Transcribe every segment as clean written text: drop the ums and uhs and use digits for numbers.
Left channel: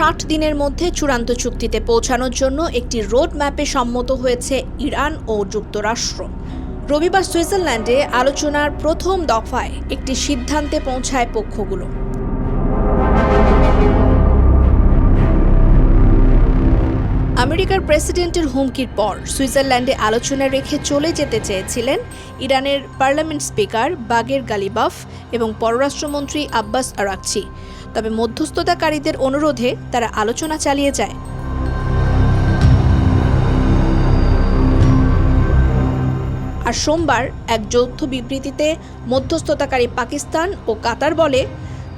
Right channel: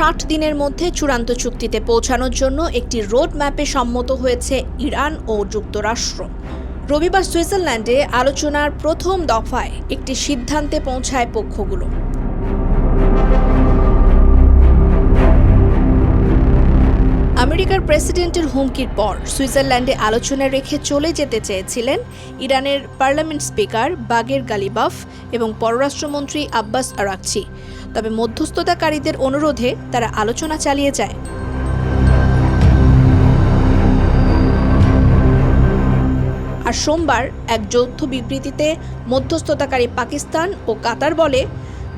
60 দিনের মধ্যে চূড়ান্ত চুক্তিতে পৌঁছানোর জন্য একটি রোড ম্যাপে সম্মত হয়েছে ইরান ও যুক্তরাষ্ট্র। রবিবার সুইজারল্যান্ডে আলোচনার প্রথম দফায় একটি সিদ্ধান্তে পৌঁছায় পক্ষগুলো। আমেরিকার প্রেসিডেন্টের হুমকির পর সুইজারল্যান্ডে আলোচনা রেখে চলে যেতে চেয়েছিলেন ইরানের পার্লামেন্ট স্পিকার বাগের গালিবাফ এবং পররাষ্ট্রমন্ত্রী আব্বাস আরাকচি। তবে মধ্যস্থতাকারীদের অনুরোধে তারা আলোচনা চালিয়ে যায়। আর সোমবার এক যৌথ বিবৃতিতে মধ্যস্থতাকারী পাকিস্তান ও কাতার বলে,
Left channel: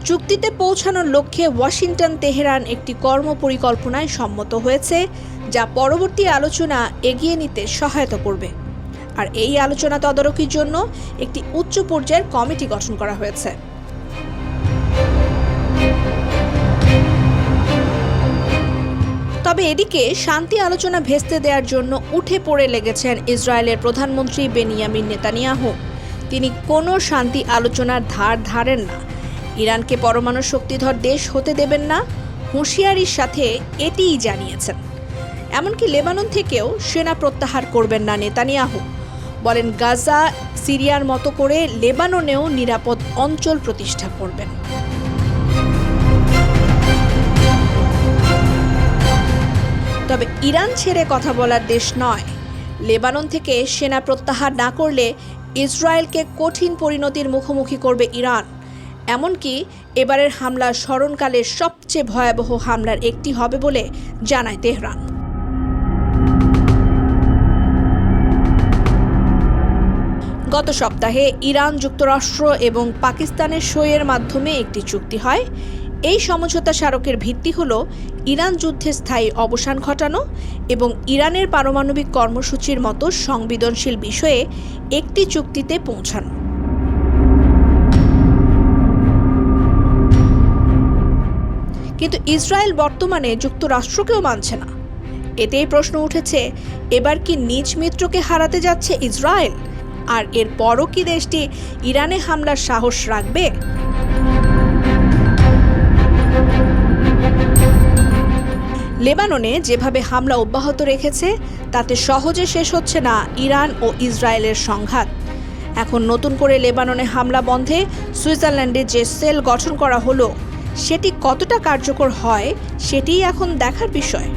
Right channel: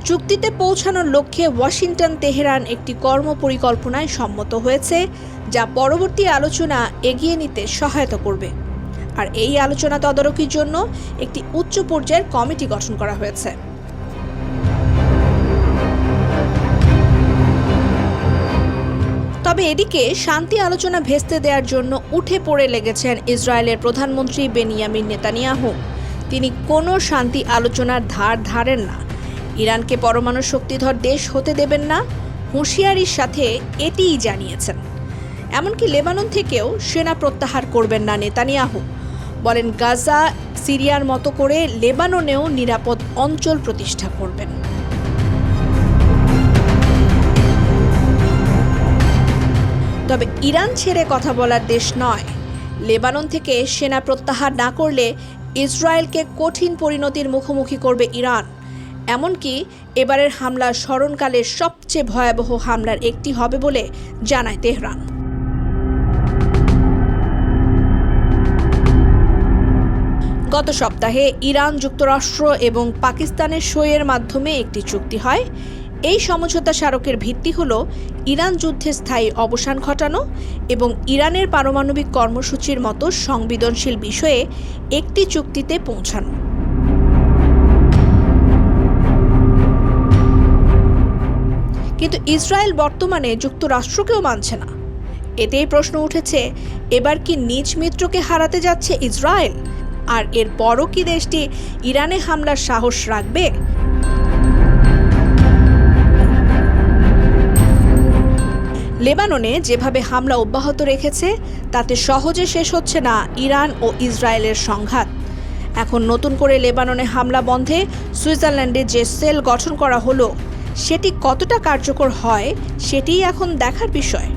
চুক্তিতে পৌঁছানোর লক্ষ্যে ওয়াশিংটন তেহরান একটি কর্মপরিকল্পনায় সম্মত হয়েছে, যা পরবর্তী আলোচনা এগিয়ে নিতে সহায়তা করবে। আর এই আলোচনা তদারকির জন্য একটি উচ্চ পর্যায়ের কমিটি গঠন করা হয়েছে। তবে এদিকে শান্তি আলোচনা ভেস্তে দেওয়ার জন্য উঠে পড়ে লেগেছেন ইসরায়েলের প্রধানমন্ত্রী বেনিয়ামিন নেতানিয়াহু। তিনি কোনো শান্তি আলোচনার ধার ধারেন না, ইরানকে পরমাণু শক্তিধর দেশ হতে দেবেন না, হুঁশিয়ারির সাথে এটিই জানিয়েছেন। এমনকি লেবানন থেকেও সেনা প্রত্যাহার করবেন না নেতানিয়াহু। বলেন, গাজা, সিরিয়ার মতো করে লেবাননেও নিরাপদ অঞ্চল প্রতিষ্ঠা করবেন। তবে ইরান ছেড়ে কথা বলার দেশ নয়। লেবানন থেকে সেনা প্রত্যাহার না করলে ইসরায়েলকে কঠিন পরিণতির মুখোমুখি করবে ইরান। এমনকি এবারের হামলা স্মরণকালের সবচেয়ে ভয়াবহ হামলার একটি হবে বলে জানায় তেহরান। গত সপ্তাহে ইরান, যুক্তরাষ্ট্র এবং পাকিস্তানের সইয়ের মাধ্যমে একটি চুক্তি হয়। এই সমঝোতা স্মারকের ভিত্তি হল ইরান যুদ্ধের স্থায়ী অবসান ঘটানো এবং ইরানের পারমাণবিক কর্মসূচির মতো সংবেদনশীল বিষয়ে একটি চুক্তিতে পৌঁছানো। কিন্তু ইসরায়েল বর্তমানে যুক্তরাষ্ট্রকেও মানছে না। এতেই প্রশ্ন উঠেছে, এবার কি নিজ মিত্রকে হারাতে যাচ্ছে ইসরায়েল? আর এর পরও কি দেশটি ইরানে হামলার সাহস রাখবে? লেবাননে যেভাবে হামলা অব্যাহত রেখেছে তাতে সহজে শেষ হচ্ছে না ইরান ও ইসরায়েলের সংঘাত। এখন নতুন করে লেবাননে হামলা বন্ধে সুইজারল্যান্ডে যে সেল গঠন করা হলো, সেটি কতটা কার্যকর হয় সেটিই এখন দেখার বিষয়।